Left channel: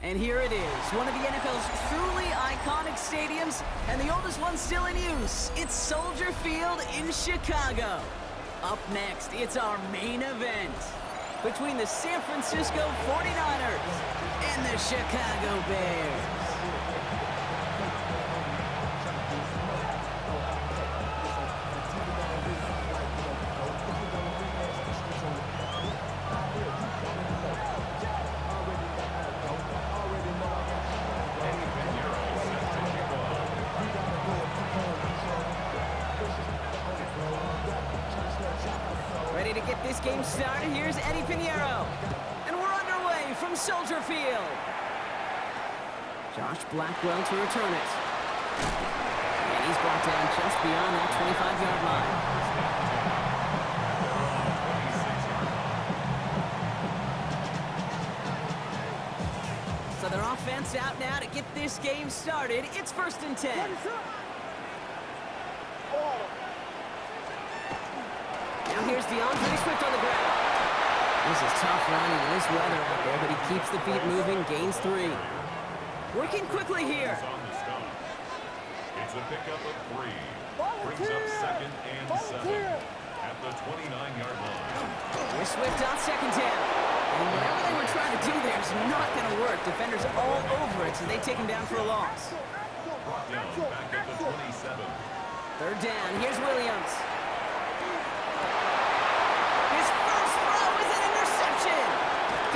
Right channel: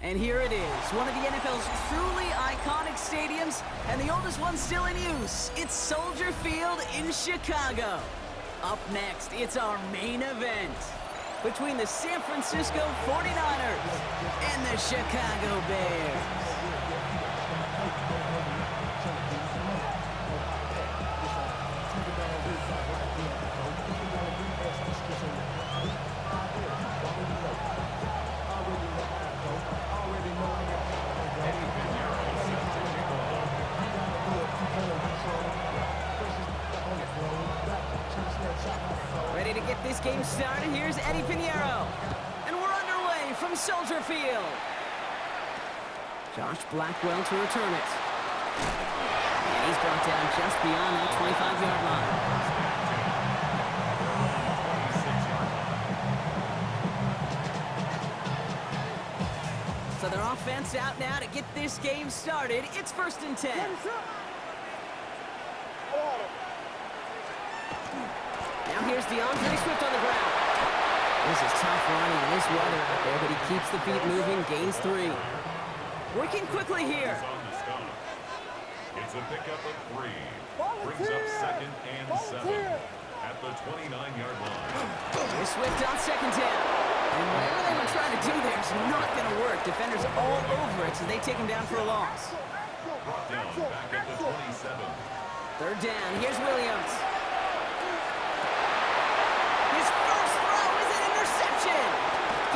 And here it is, one of the NFL's truly iconic stadiums, and the oldest one still in use. It's Soldier Field in Chicago. Up next, it's our main event between the San Francisco 49ers and the Chicago Bears. Ready to get this game started, here's Eddie Pinheiro. And we're underway from Soldier Field. Josh Blackwell to return it. And he's brought down just beyond that 25-yard line. So their offense out now to get this game started. It's 1st and 10. Now here's DeAndre Swift on the ground. This is tough running in this weather out there, but he keeps the feet moving, gains 3. Working quickly here. It's a pickup of 3. Brings up 2nd and 7 at the 29-yard line. Here's Swift on 2nd down. And whatever they were trying to do there is not going to work. Defenders all over it, so they take him down for a loss. Brought down back at the 27. 3rd down. Here's Williams. His first throw is an interception.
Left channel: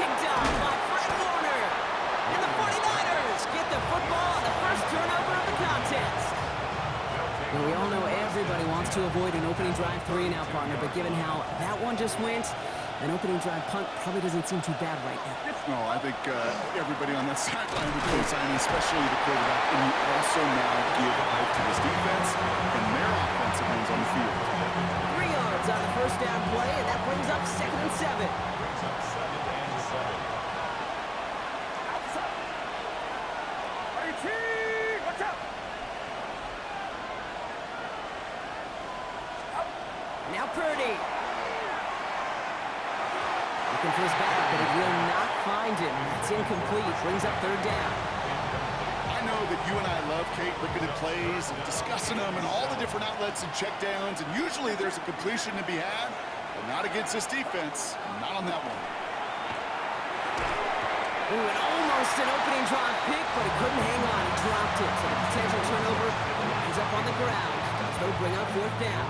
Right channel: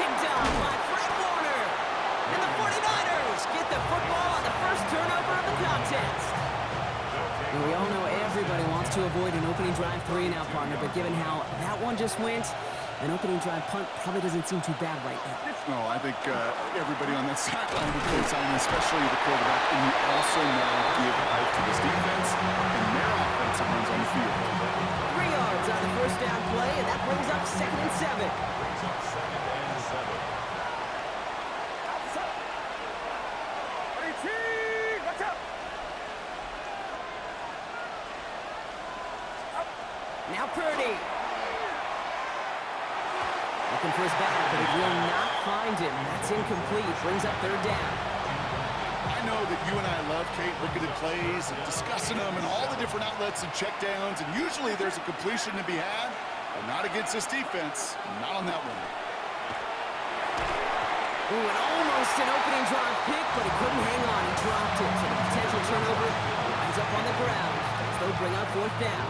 Picked off by Fred Warner. And the 49ers get the football on the first turnover of the contest. And we all know everybody wants to avoid an opening drive 3-and-out, partner, but given how that one just went, an opening drive punt probably doesn't seem too bad right now. No, I think everybody on that sideline would co-sign, especially the quarterback. And you also now give life to this defense and their offensive runs on the field. 3 yards on the first down play, and that brings up 2nd and 7. Brings up 2nd and 7. Watch out! Now Purdy. Looking for his back, but it will not find him. That's incomplete. Brings up 3rd down. I know that you and I love, Kate, looking at plays and discussing them and all the different outlets and checkdowns, and usually there's a completion to be had, but not against this defense. Not on that one. Ooh, and almost an opening drive pick, but he couldn't hang on. He dropped it. So the potential turnover winds up on the ground as they'll bring up 4th down.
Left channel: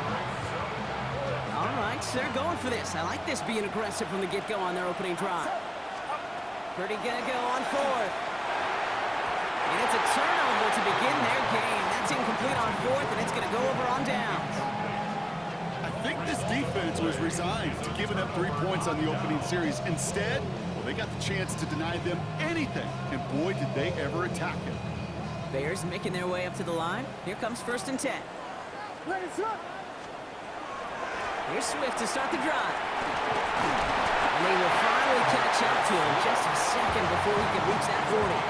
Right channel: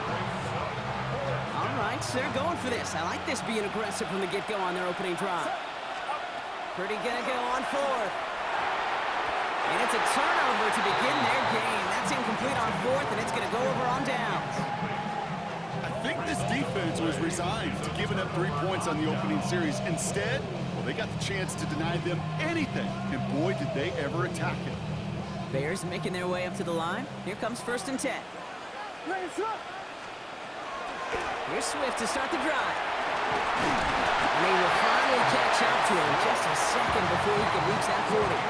All right, so they're going for this. I like this being aggressive from the get-go on their opening drive. Purdy gonna go on 4th. And it's a turnover to begin their game. That's incomplete on 4th, and it's gonna go over on downs. I think this defense was resigned to giving up 3 points on the opening series. Instead, well, they got the chance to deny them anything, and boy, did they ever attack it. Bears making their way up to the line. Here comes 1st and 10. Here's Swift to start the drive. And they will finally catch up to him just a second before he can reach that 40.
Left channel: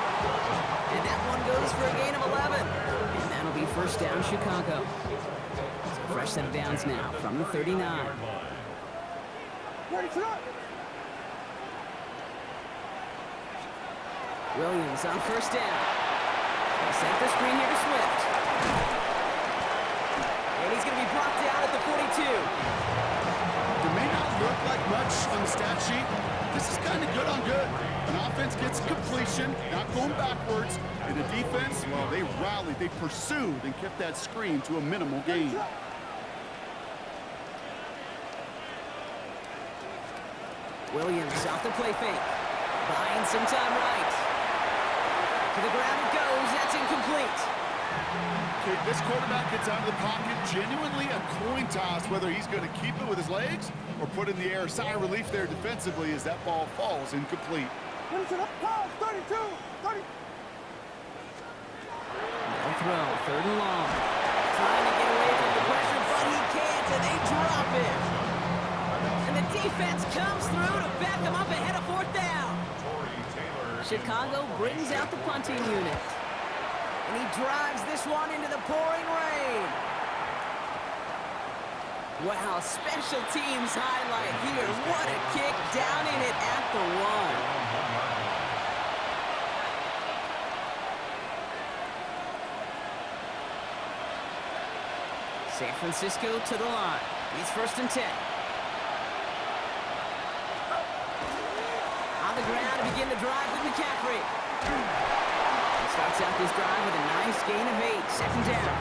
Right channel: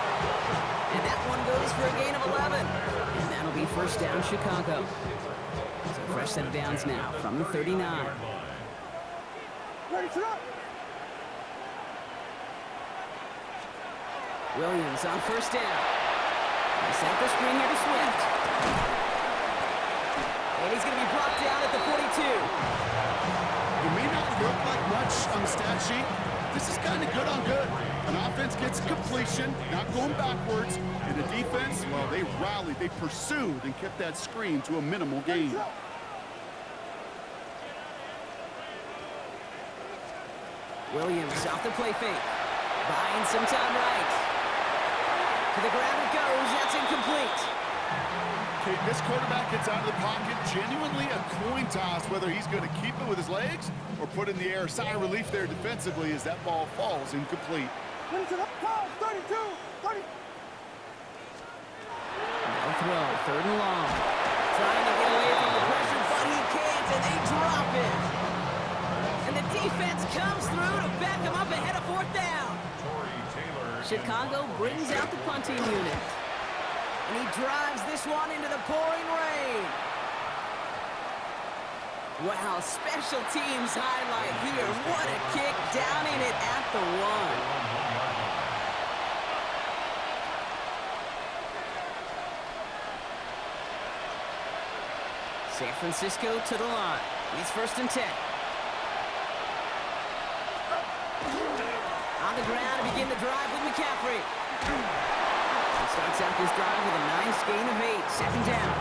And that one goes for a gain of 11. And that'll be 1st down Chicago. So fresh set of downs now from the 39. Williams on 1st down. They set the screen here to Swift. And he's going to be brought down at the 42. It may not look like much on the stat sheet. This is kind of good on good. An offense gets completion, not going backwards. And the defense, well, they rallied, they pursued, and kept that screen to a minimal gain. Williams off the play fake. Buying some time right. To the ground it goes. That's incomplete. Okay, this quarterback gets out of the pocket, genuinely a coin toss whether he's going to keep it with his legs or put in the air. Sigh of relief there defensively as that ball falls incomplete. 32, 30. No throw, 3rd and long. Trying to get away from the pressure, but he can't, and they drop it. And the defense comes through to back him up ahead of 4th down. Chicago brings out the punting unit. And he drives this one into the pouring rain. Wow, special teams highlight here. What a kick down in it at the 1. San Francisco to the line. It's 1st and 10. On the ground to begin the drive with McCaffrey. He starts out this drive with a nice gain of 8. 2nd down.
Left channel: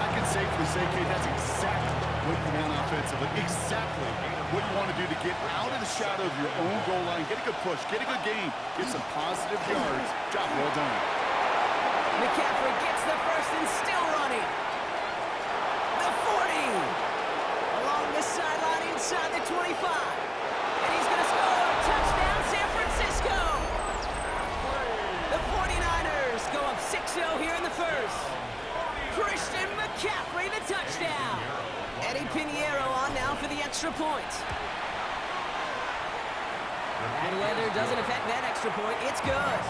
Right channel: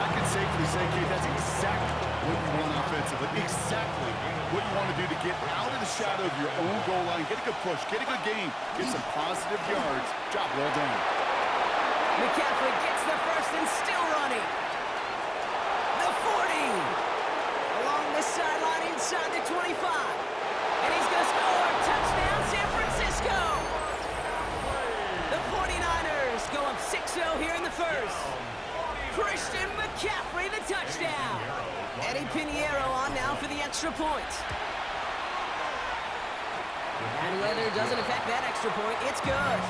I can safely say, Kate, that's exactly what you want offensively. Exactly what you want to do to get out of the shadow of your own goal line, get a good push, get a good gain, get some positive yards. Job well done. McCaffrey gets the first and still running. The 40. Along the sideline inside the 25. And he's going to score. Touchdown, San Francisco. The 49ers go up 6-0 here in the first. Christian McCaffrey, the touchdown. Eddie Pinheiro on now for the extra point. Bad weather doesn't affect that extra point. It's good.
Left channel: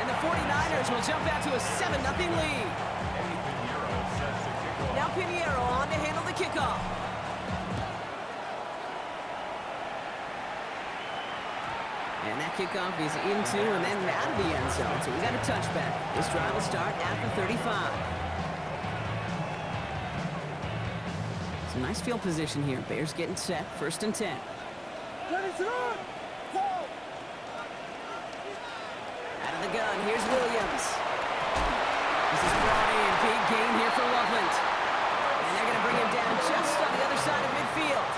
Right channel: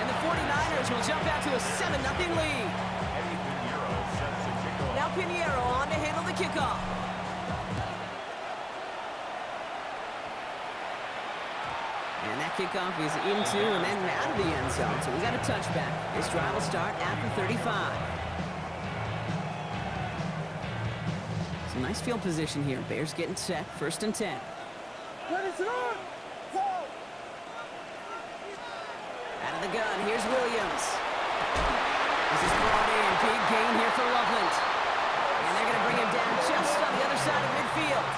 And the 49ers will jump out to a 7-0 lead. Now Pinheiro on to handle the kickoff. And that kickoff is into and then out of the end zone. So we got a touchback. This drive will start at the 35. Some nice field position here. Bears getting set. 1st and 10. Ready to run. Go. Out of the gun. Here's Williams. This is brought in. Big gain here for Loveland. And they're going to bring him down just on the other side of midfield.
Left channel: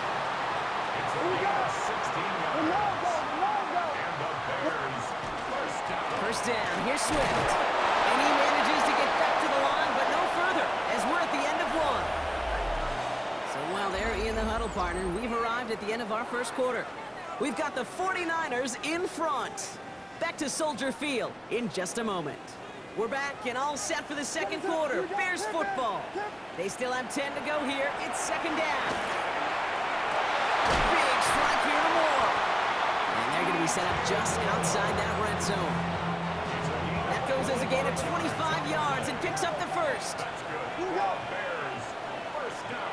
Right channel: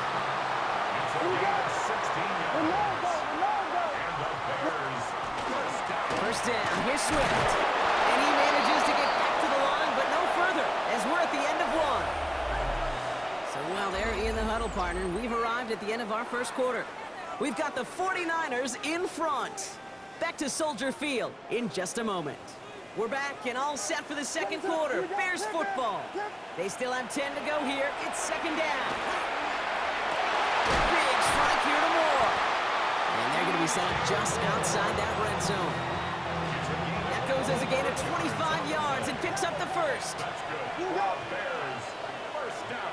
It's a gain of 16 yards. And the Bears first down. First down. Here's Swift. And he manages to get back to the line, but no further, as we're at the end of one. So while they're in the huddle, partner, we've arrived at the end of our first quarter. We've got the 49ers in front. Back to Soldier Field in just a moment. We're back and all set for the second quarter. Bears football. They still have 10 to go here. It's 2nd down. Big strike here to Moore. And they're going to be set up just outside that red zone. That goes as a gain of 25 yards and picks up the first. That's good. Bears first down.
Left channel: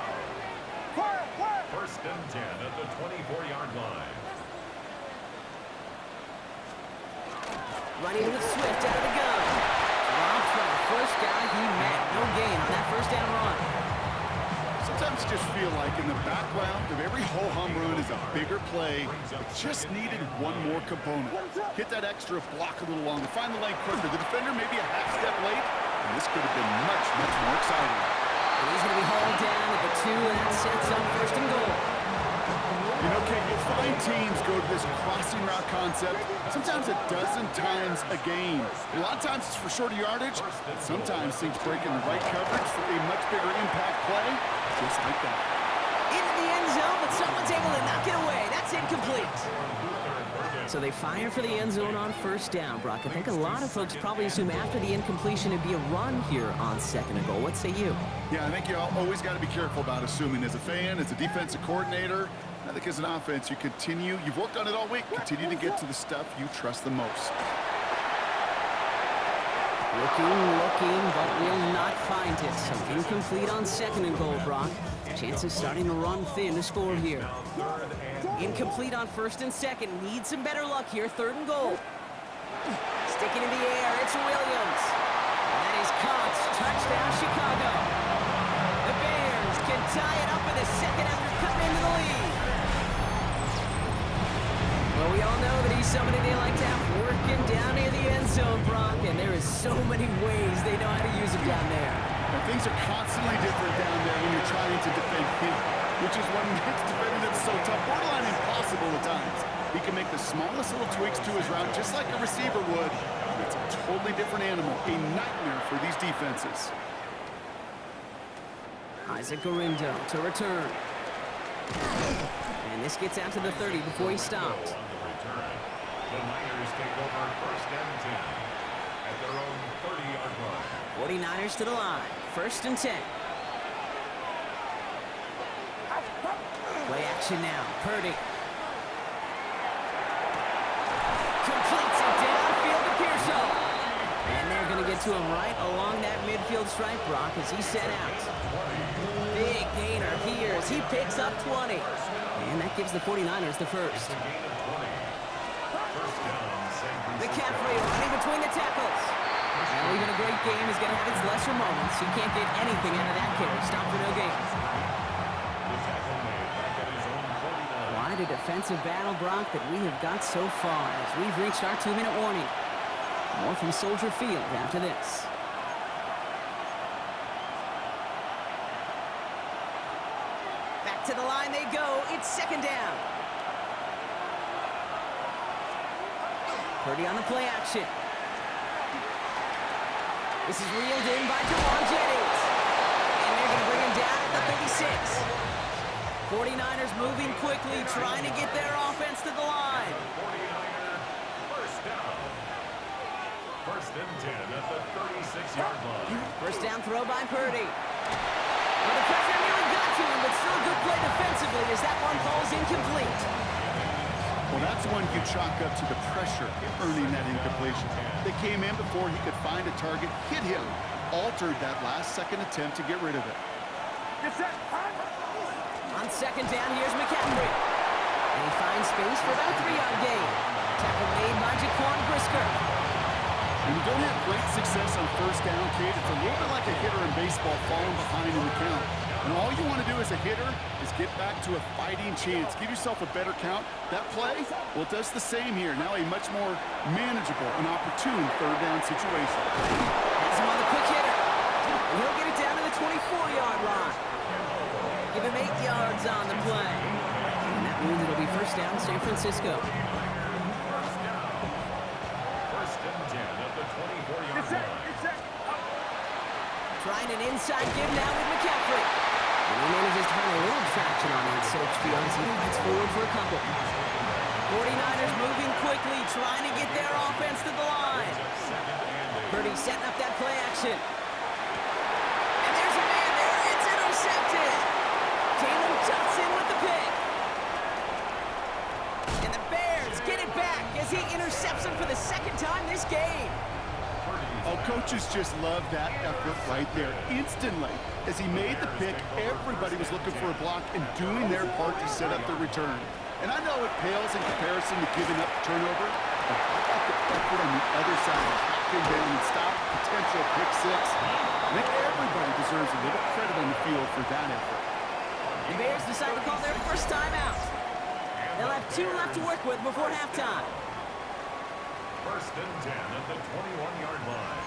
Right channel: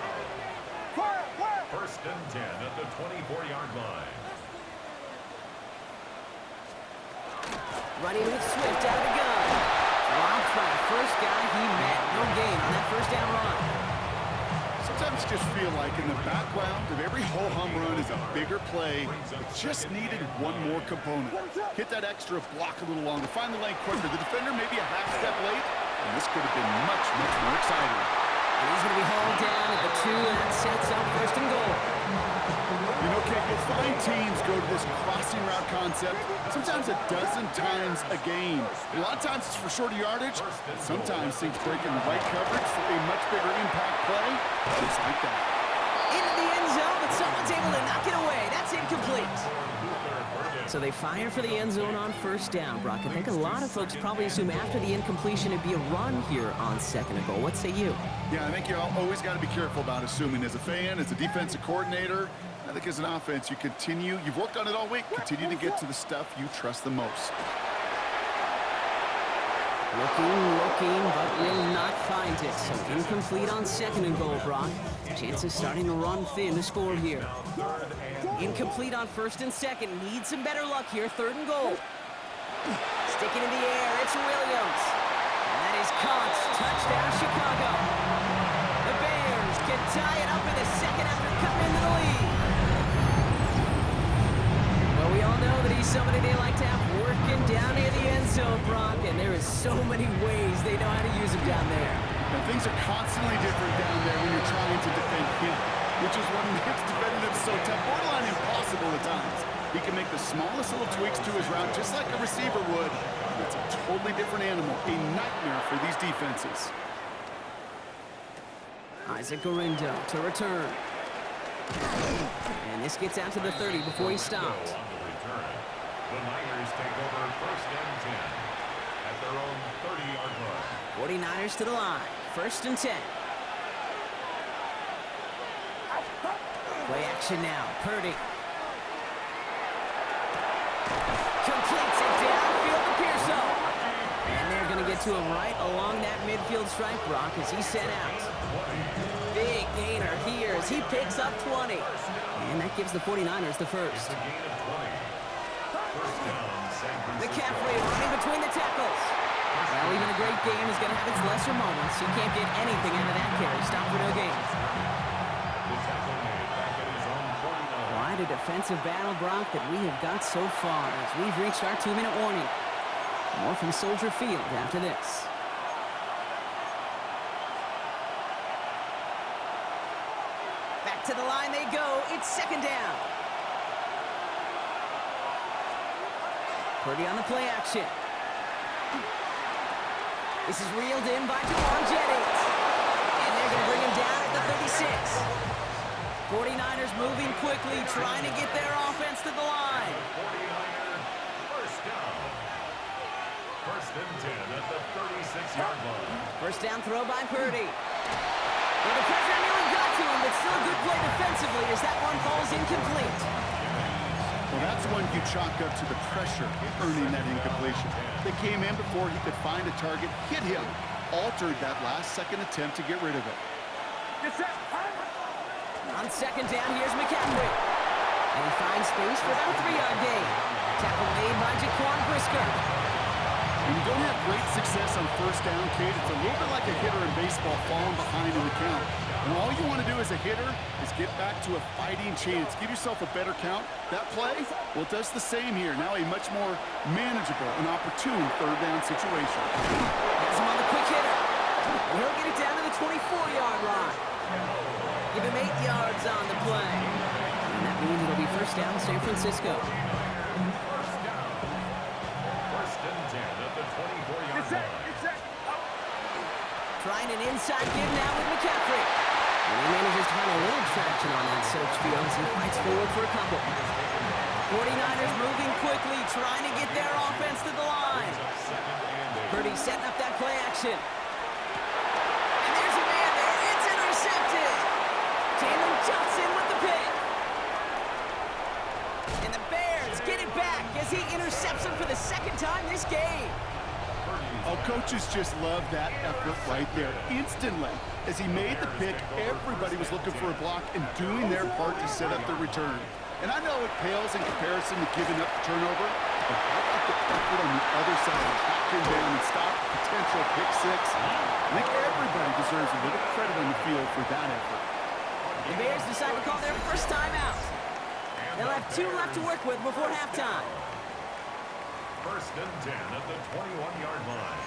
First and 10 at the 24-yard line. Running with Swift out of the gun. Dropped by the first guy he met. No gain on that first down run. Sometimes you just feel like in the background of every whole home run is a bigger play. It just needed one more component. Hit that extra block a little longer. Find the lane quicker. The defender maybe a half step late. And this could have been much, much more exciting. And he's going to be hauled down at the 2, and that sets up 1st and goal. You know, Kate, you'll find teams go to this crossing route concept sometimes a dozen times a game. A lot of times it's for shorter yardage, but sometimes things break in the right coverage for a much bigger impact play, just like that. Into the end zone, but someone's able to knock it away. That's incomplete. So they fire for the end zone on 1st down, Brock. I think a lot of folks probably assume after the incompletion it'd be a run here on 2nd and goal. What say you? Yeah, I think you always got to be careful about assuming as a fan, as a defensive coordinator. I think as an offense, you've worked on it all week, continue to get to the stuff you trust the most. Looking, but will not find it. So incomplete on 2nd and goal, Brock. Chances starting to run thin to score here. Incomplete on 1st and 2nd. Need some better luck here. 3rd and goal. Sticking in the air, it's Williams. And that is caught. Touchdown, Chicago. The Bears can tie it up in the second after cutting into the lead. Well, we all know that he's somebody they like to have working down near the end zone, Brock, and there is so many ways they know how to use him down there. Now, things are constantly different down there when you're trying to defend him, which is what makes defending him so tough, borderline impossible at times. He can make the smallest little tweaks to his route just like a receiver would. It's a totally different animal, a nightmare for these defenses. Isaac Gorindo to return. And this gets out to the 30 before he stopped. On the return, the Niners take over 1st and 10 at their own 30-yard line. 49ers to the line. 1st and 10. Play action now. Purdy. Completes it downfield to Pearson. And they're going to get to him right along that midfield stripe, Brock, as he's set out. Big gainer here as he picks up 20. And that gives the 49ers the first. It's a gain of 20. First down, San Francisco. McCaffrey running between the tackles. Well, even a great game is going to have its lesser moments. You can't get anything out of that carry. Stop for no gain. The tackle made back at his own 49. Quite a defensive battle, Brock, that we have got so far as we've reached our 2-minute warning. More from Soldier Field after this. Back to the line they go. It's second down. Purdy on the play action. This is reeled in by Jawan Jennings. And they're going to bring him down at the 36. 49ers moving quickly, trying to get their offense to the line. 49er first down. First and 10 at the 36-yard line. First down throw by Purdy. Well, the pressure nearly got to him, but still a good play defensively as that one falls incomplete. Well, that's one you chalk up to the pressure earning that incompletion. They came in before he could find a target, hit him, altered that last-second attempt to get rid of it. On second down, here's McCaffrey. And he finds space for about a 3-yard gain. Tackle made by Jaquan Brisker. When you don't have great success on first down, Kate, it's a little bit like a hitter in baseball falling behind in the count. And all you want to do as a hitter is get back to a fighting chance. Give yourself a better count. That play, well, it does the same here. Now a much more manageable and opportune third down situation. Has him on the quick hitter. And he'll get it down to the 24-yard line. Give him 8 yards on the play. And that means it'll be first down San Francisco. First and 10 at the 24-yard line. Trying an inside give now with McCaffrey. And he manages to find a little traction on that search field as he fights forward for a couple. 49ers moving quickly, trying to get their offense to the line. Purdy setting up that play action. And there's a man there. It's intercepted. Jalen Johnson with the pick. And the Bears get it back as he intercepts him for the second time this game. Oh, coaches just love that effort right there. Instantly, as he made the pick, everybody was looking for a block and doing their part to set up the return. And I know it pales in comparison to giving up the turnover, but how about the effort on the other side of tracking down and stop potential pick six? I think everybody deserves a little credit on the field for that effort. The Bears decide to call their first time out. They'll have 2 left to work with before halftime. First and 10 at the 21-yard line.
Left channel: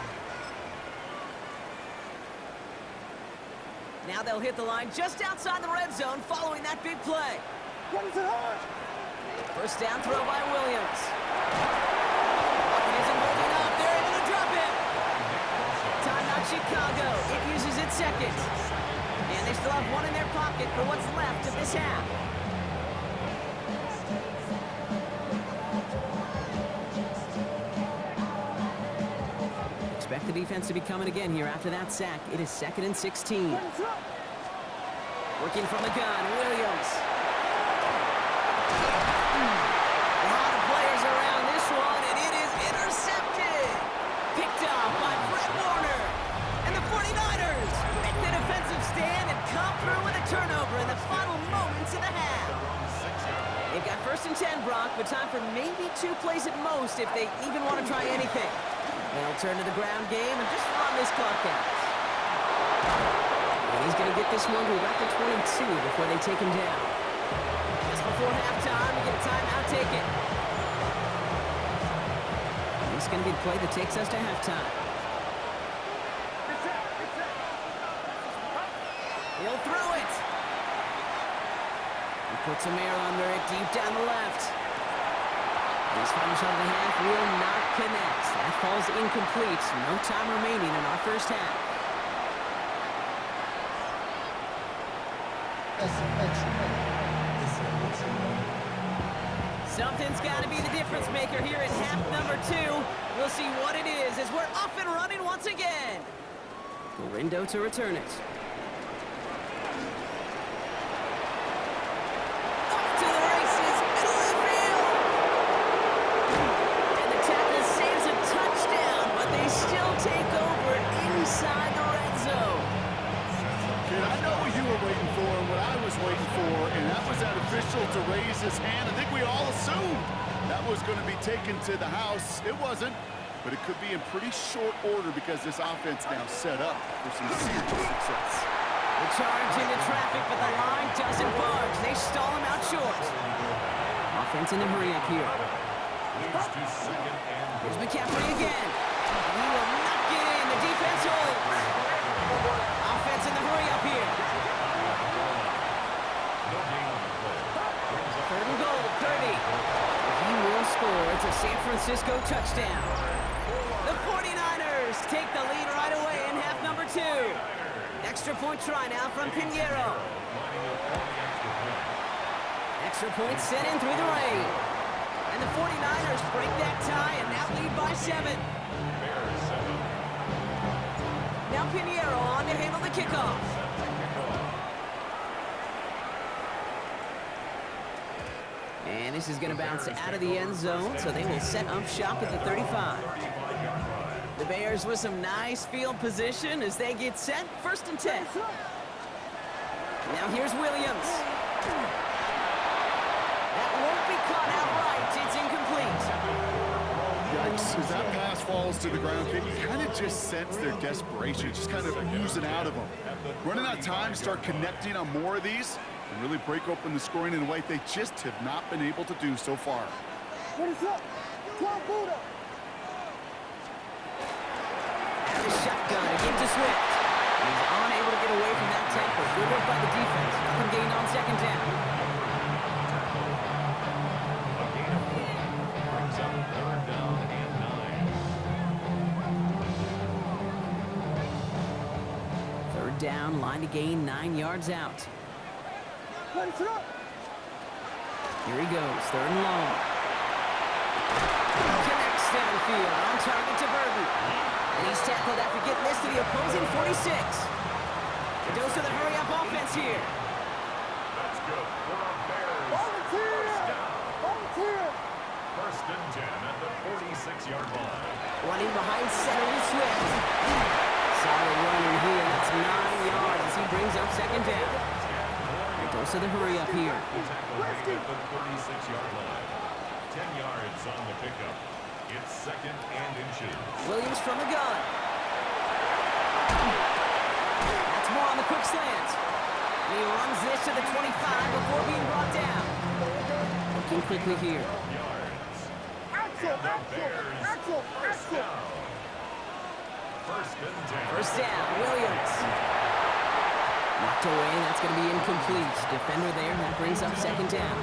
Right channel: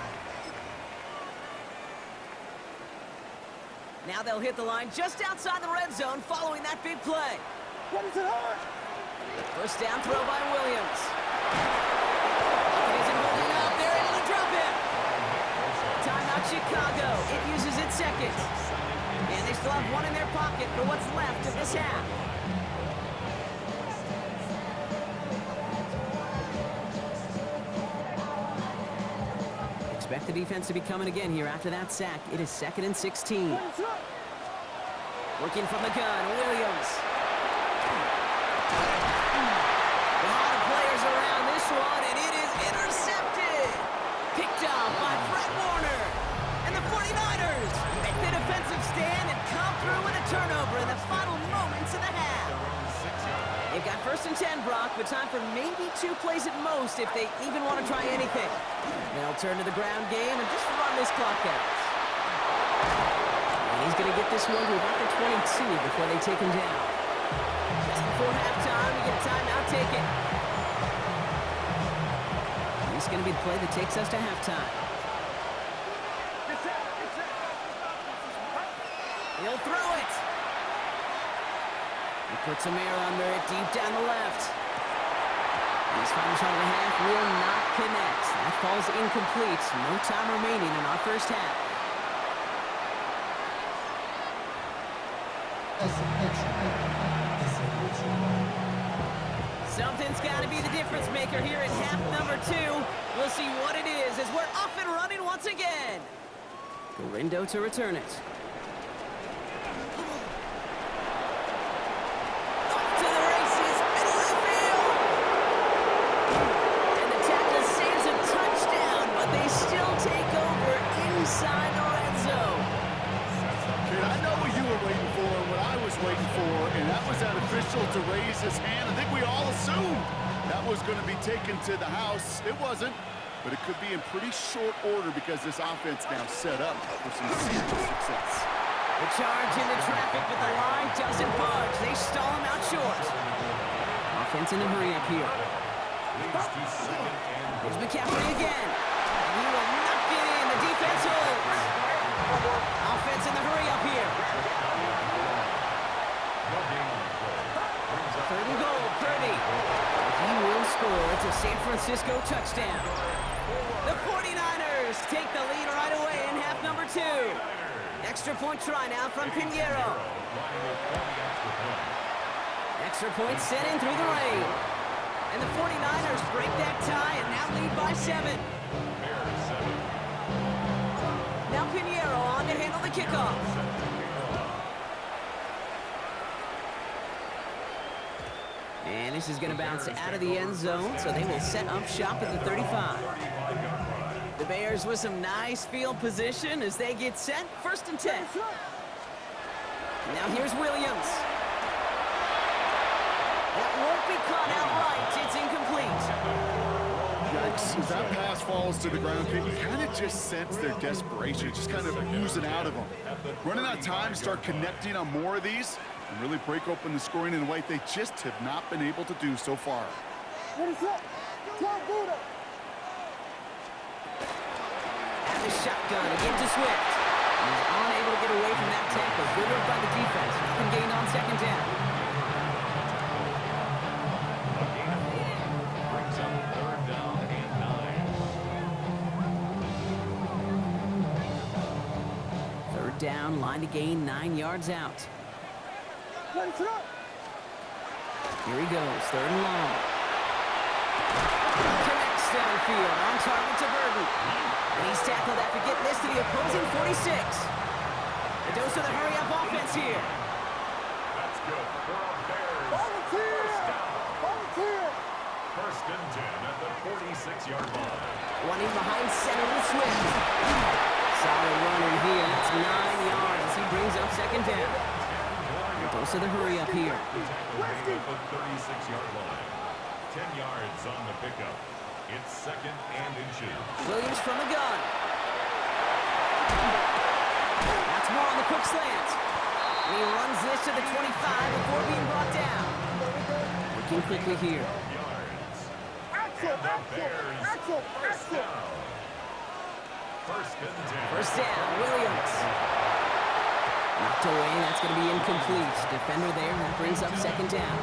Now they'll hit the line just outside the red zone following that big play. What is it hurt? First down throw by Williams. Pocket isn't holding up. They're able to drop him. Timeout Chicago. It uses its second. And they still have 1 in their pocket for what's left of this half. Expect the defense to be coming again here after that sack. It is 2nd and 16. Working from the gun, Williams. A lot of players around this one, and it is intercepted. Picked off by Fred Warner. And the 49ers make the defensive stand and come through with a turnover in the final moments of the half. They've got 1st and 10, Brock, but time for maybe 2 plays at most if they even want to try anything. They'll turn to the ground game and just run this clock out. And he's going to get this one to about the 22 before they take him down. Just before halftime, we get a timeout taken. And this is going to be the play that takes us to halftime. He'll throw it. He puts some air under it deep down the left. And his final shot of the half will not connect. That falls incomplete. No time remaining in our first half. Something's got to be the difference maker here in half number 2. We'll see what it is as we're off and running once again. Gorindo to return it. Off to the races, middle of the field. And the tackle saves a touchdown, but they still take over inside the red zone. Kid, I know what you were waiting for and what I was waiting for, and that was that official to raise his hand. I think we all assumed that was going to be taken to the house. It wasn't. but it could be in pretty short order because this offense now set up for some serious success. The charge into traffic, but the line doesn't budge. They stall him out short. Offense in a hurry up here. Here's McCaffrey again. And he will not get in. The defense holds. Offense in the hurry up here. Third and goal, Purdy. He will score. It's a San Francisco touchdown. The 49ers take the lead right away in half number 2. Extra point try now from Pinheiro. Extra point sent in through the rain. And the 49ers break that tie and now lead by 7. Now Pinheiro on to handle the kickoff. And this is going to bounce out of the end zone, so they will set up shop at the 35. The Bears with some nice field position as they get set. 1st and 10. Now here's Williams. That won't be caught outright. It's incomplete. Yikes. As that pass falls to the ground, you kind of just sense their desperation, just kind of oozing out of them. Running out of time to start connecting on more of these and really break open the scoring in a way they just have not been able to do so far. At the shotgun, again to Swift. He's unable to get away from that tackle. Good work by the defense. Nothing gained on 2nd down. Brings up 3rd down and 9. 3rd down, line to gain 9 yards out. Here he goes, 3rd and long. Connects downfield, on target to Burton. And he's tackled after getting this to the opposing 46. A dose of the hurry-up offense here. That's good for a Bears. First down. 1st and 10 at the 46-yard line. Running behind center with Swift. Solid runner here. That's 9 yards as he brings up 2nd down. A dose of the hurry up here. The tackle made at the 36-yard line. 10 yards on the pickup. It's 2nd and inches. Williams from the gun. That's more on the quick slant. And he runs this to the 25 before being brought down. Working quickly here. And the Bears, first down. 1st and 10. 1st down, Williams. Knocked away, that's going to be incomplete. Defender there, that brings up 2nd down.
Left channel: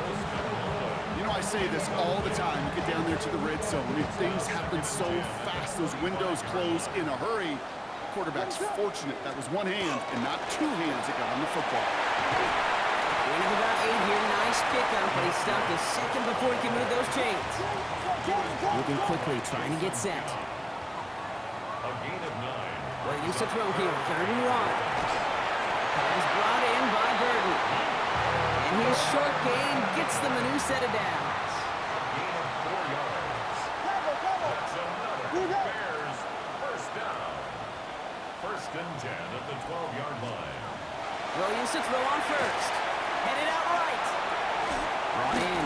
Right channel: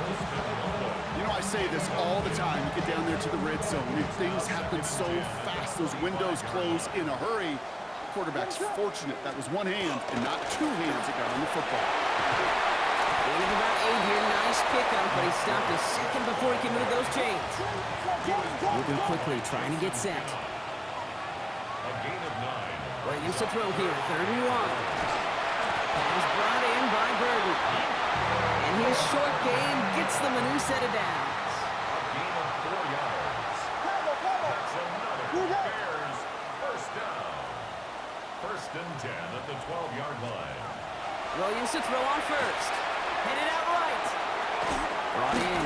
You know, I say this all the time. You get down there to the red zone, and things happen so fast. Those windows close in a hurry. Quarterback's fortunate that was one hand and not 2 hands that got on the football. Gain of about 8 here. Nice pickup, but he stopped a second before he could move those chains. Moving quickly, trying to get set. A gain of 9. Williams to throw here, 3rd and 1. Pass brought in by Burton. And his short gain gets them a new set of downs. A gain of 4 yards. That's another Bears first down. 1st and 10 at the 12-yard line. Williams to throw on 1st. Headed out right. Brought in.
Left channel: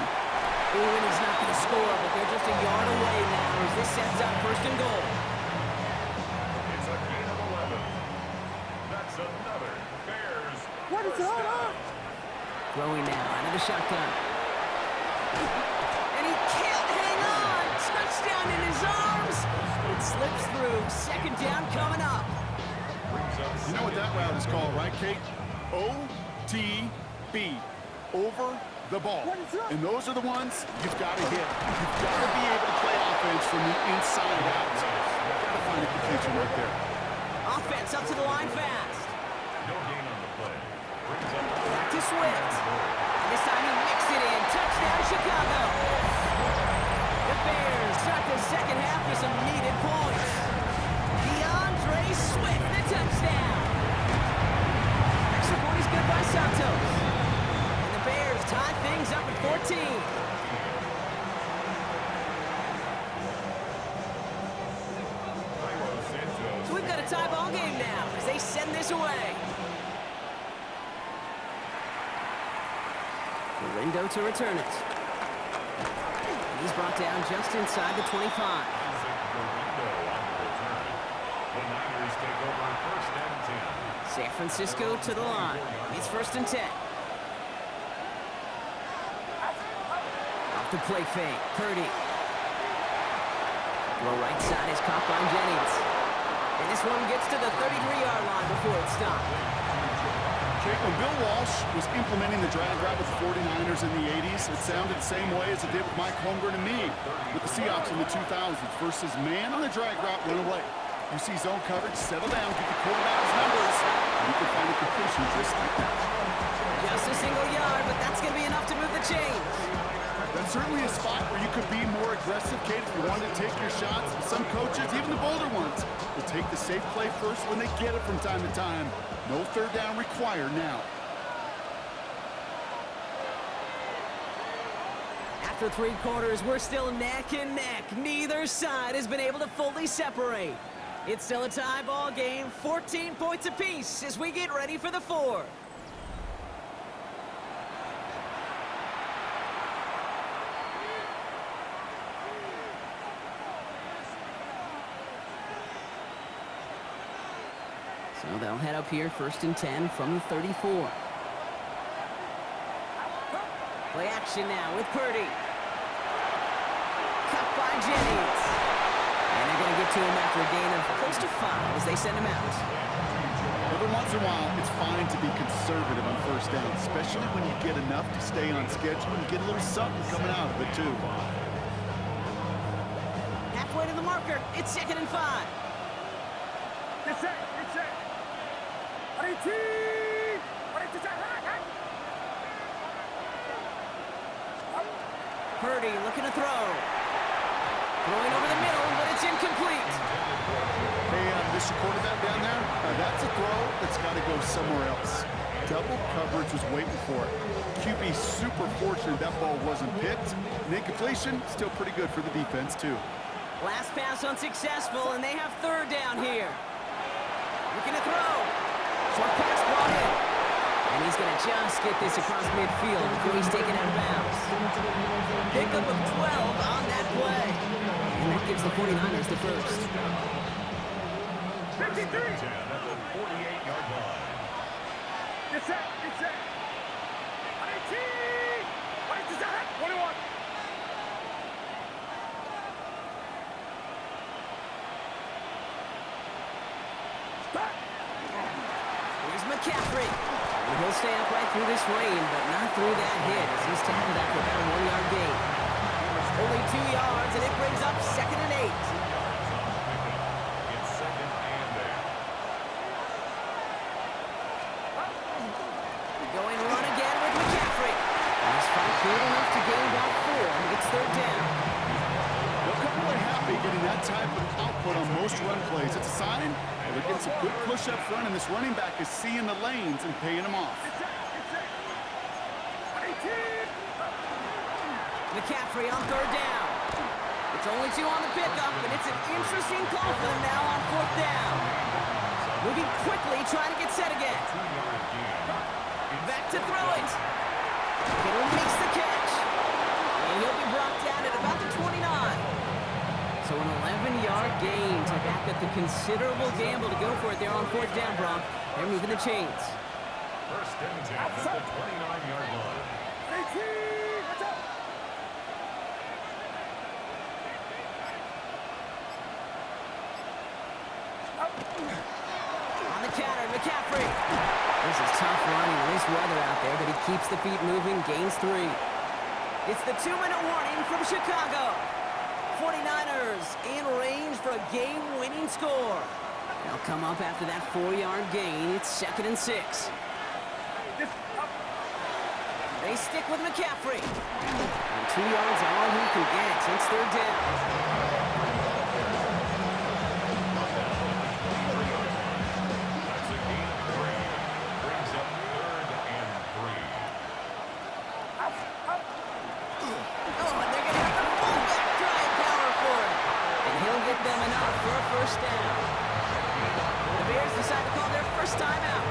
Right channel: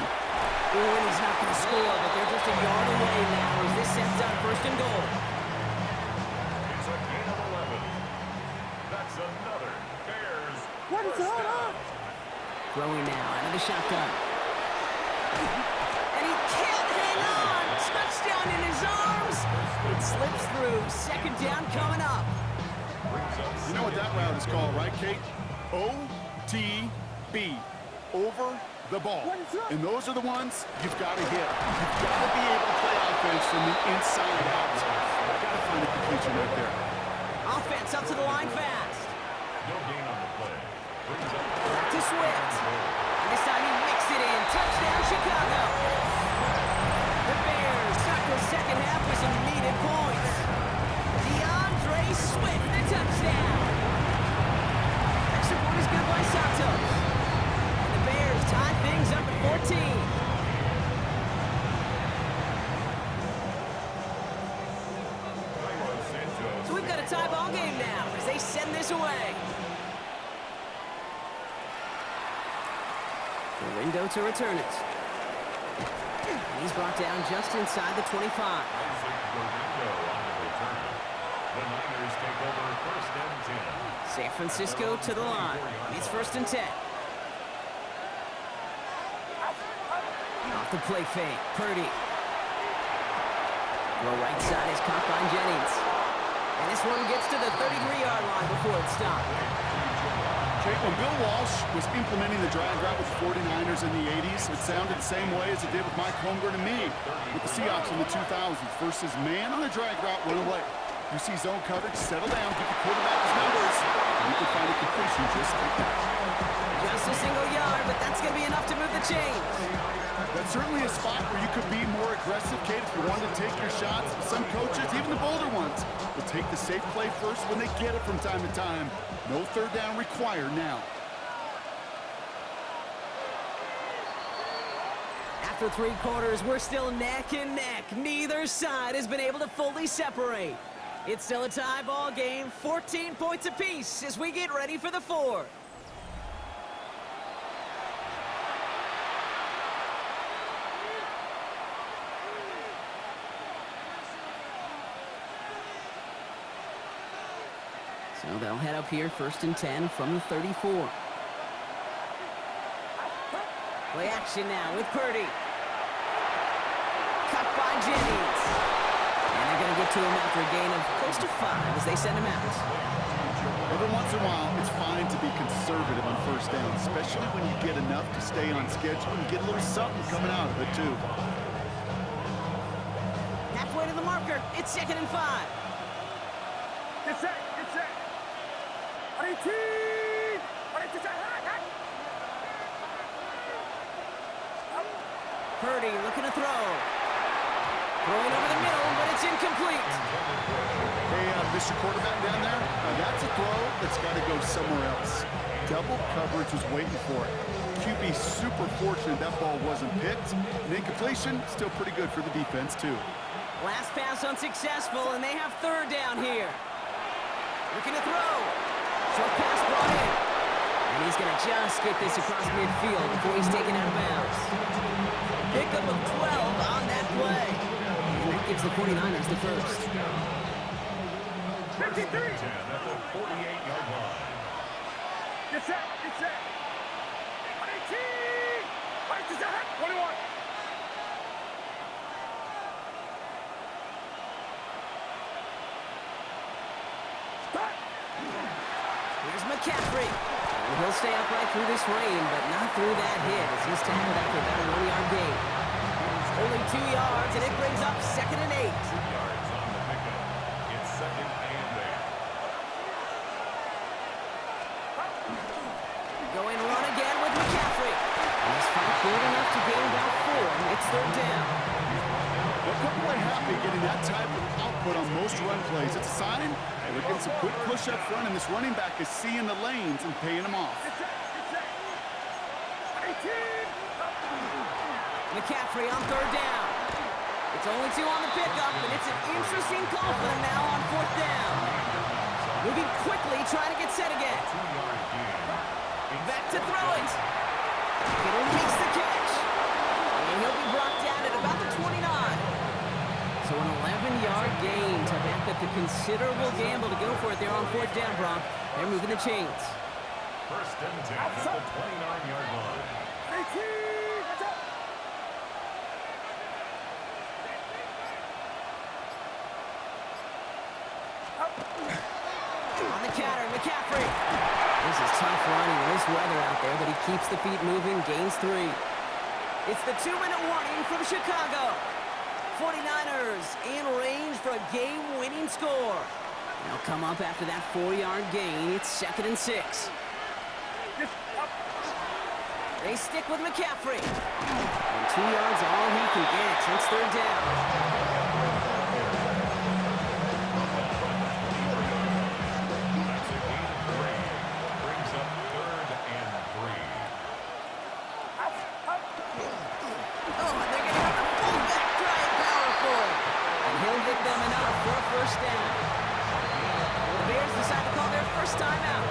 Ooh, and he's not going to score, but they're just a yard away now as this sets up 1st and goal. It's a gain of 11. That's another Bears first down. Throwing now out of the shotgun. And he can't hang on. Touchdown in his arms. It slips through. 2nd down coming up. You know what that route is called, right, Kate? OTB. Over the ball. And those are the ones you've got to hit. You've got to be able to play offense from the inside out. You've got to find a completion right there. Offense up to the line fast. No gain on the play. Back to Swift. And this time he mixed it in. Touchdown, Chicago. The Bears start the 2nd half with some needed points. DeAndre Swift, the touchdown. Extra point is good by Santos. And the Bears tie things up at 14. So we've got a tie ball game now as they send this away. Rindo to return it. And he's brought down just inside the 25. Isaac Guerrero on the return. The Niners take over first and 10. San Francisco to the line. It's first and 10. Off the play fake. Purdy. Throw right side is caught by Jennings. And this one gets to the 33-yard line before it's stopped. Kate, when Bill Walsh was implementing the drag route with the 49ers in the 80s, it sounded the same way as it did with Mike Holmgren and me with the Seahawks in the 2000s versus man on the drag route, run away. You see zone coverage, settle down, give the quarterback his numbers, and you can find a completion just like that. Just a single yard, but that's going to be enough to move the chains. That's certainly a spot where you could be more aggressive, Kate, if you wanted to take your shots. Some coaches, even the bolder ones, will take the safe play first when they get it from time to time. No third down required now. After 3 quarters, we're still neck and neck. Neither side has been able to fully separate. It's still a tie ball game, 14 points apiece as we get ready for the 4th. So they'll head up here, first and 10 from the 34. Play action now with Purdy. Cut by Jennings. And they're going to get to him after a gain of close to 5 as they send him out. Every once in a while, it's fine to be conservative on first down, especially when you get enough to stay on schedule and get a little something coming out of it, too. Halfway to the marker. It's second and 5. Get set. Purdy looking to throw. Throwing over the middle, but it's incomplete. Hey, Mr. Quarterback down there, that's a throw that's got to go somewhere else. Double coverage was waiting for it. QB super fortunate that ball wasn't picked. And incompletion, still pretty good for the defense, too. Last pass unsuccessful, and they have third down here. Looking to throw. Short pass brought in. And he's going to just get this across midfield before he's taken out of bounds. Pickup of 12 on that play. And that gives the 49ers the first. 53. At the 48-yard line. Get set. 21. Here's McCaffrey. And he'll stay upright through this rain, but not through that hit as he's tackled after about a 1-yard gain. Only 2 yards, and it brings up second and 8. 2 yards on the pickup. It's second and 8. Going run again with McCaffrey. And his fight good enough to gain about 4. It's third down. They'll come away happy getting that type of output on most run plays. It's a sign that they're getting some good push up front, and this running back is seeing the lanes and paying them off. McCaffrey on third down. It's only 2 on the pickup, and it's an interesting call for them now on fourth down. Moving quickly, trying to get set again. 2-yard gain. Back to throw it. Kittle makes the catch. And he'll be brought down at about the 29. So an 11-yard gain to back up the considerable gamble to go for it there on fourth down, Brock. They're moving the chains. First and 10 at the 29-yard line. 18. Watch out. On the counter, McCaffrey. This is tough running in this weather out there, but he keeps the feet moving, gains 3. It's the 2-minute warning from Chicago. 49ers in range for a game-winning score. They'll come up after that 4-yard gain. It's second and 6. They stick with McCaffrey. And 2 yards all he can get. It's third down. That's a gain of 3. Brings up third and 3. Oh, and they're going to have the fullback drive power for it. And he'll get them enough for a first down. The Bears decide to call their first timeout.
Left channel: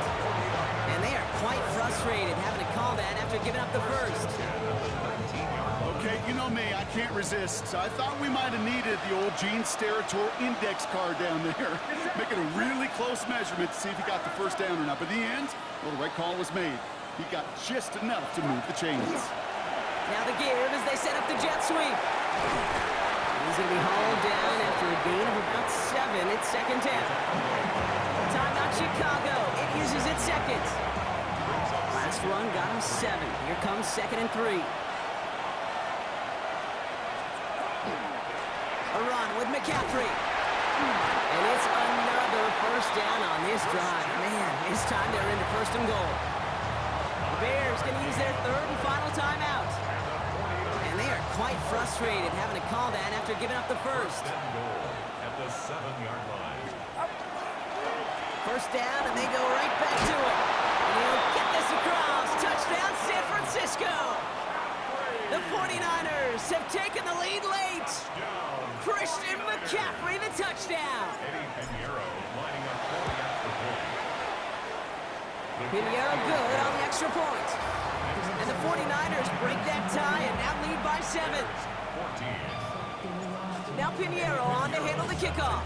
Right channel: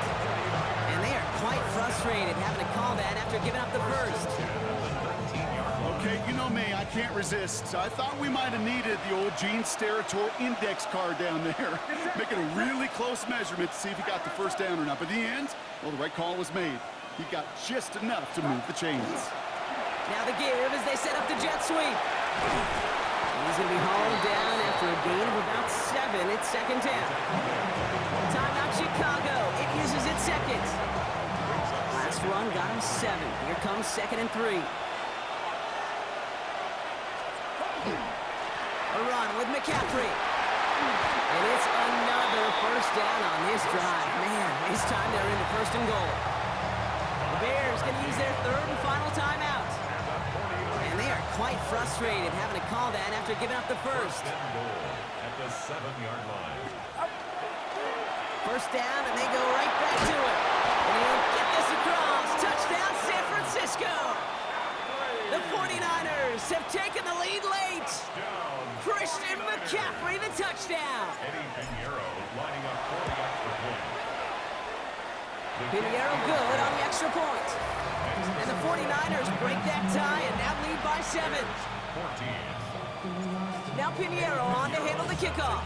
And they are quite frustrated having to call that after giving up the first. Okay, you know me, I can't resist. So I thought we might have needed the old Gene Steratore index card down there. Making a really close measurement to see if he got the first down or not. But in the end, well, the right call was made. He got just enough to move the chains. Now the give as they set up the jet sweep. And he's going to be hauled down after a gain of about 7. It's second down. Timeout Chicago. It uses its second. Last run got him 7. Here comes 2nd and 3. A run with McCaffrey. And it's another first down on this drive. Man, this time they're into 1st and goal. The Bears going to use their 3rd and final timeout. And they are quite frustrated having to call that after giving up the first. At the 7-yard line. First down, and they go right back to it. And he'll get this across. Touchdown, San Francisco. The 49ers have taken the lead late. Christian McCaffrey, the touchdown. Eddie Pinheiro lining up for the extra point. Pinheiro good on the extra point. And the 49ers break that tie and now lead by 7. 14. Now Pinheiro on to handle the kickoff.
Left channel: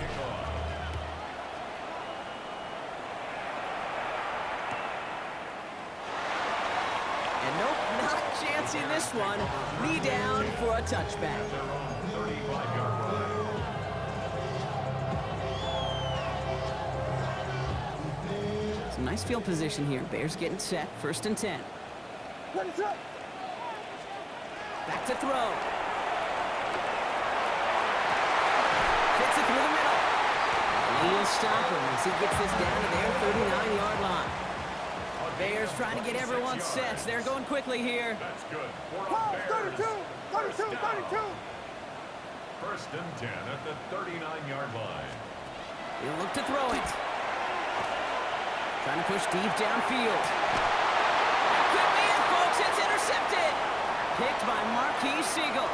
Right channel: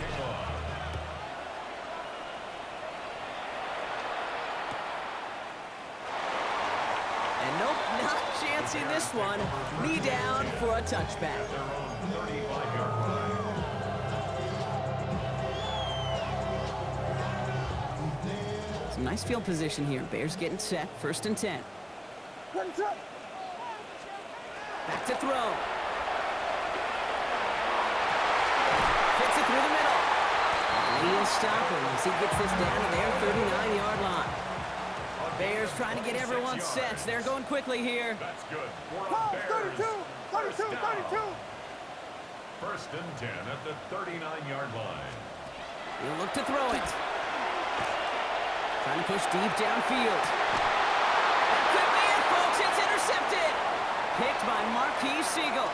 And nope, not chancing this one. Knee down for a touchback. Their own 35-yard line. Some nice field position here. Bears getting set. 1st and 10. Back to throw. Fits it through the middle. And he'll stop him as he gets this down to their 39-yard line. Bears trying to get everyone set. They're going quickly here. That's good. For the Ball, Bears. 32, 32, 32. 1st and 10 at the 39-yard line. He'll look to throw it. Trying to push deep downfield. That could be it, folks. It's intercepted. Picked by Marquise Siegel.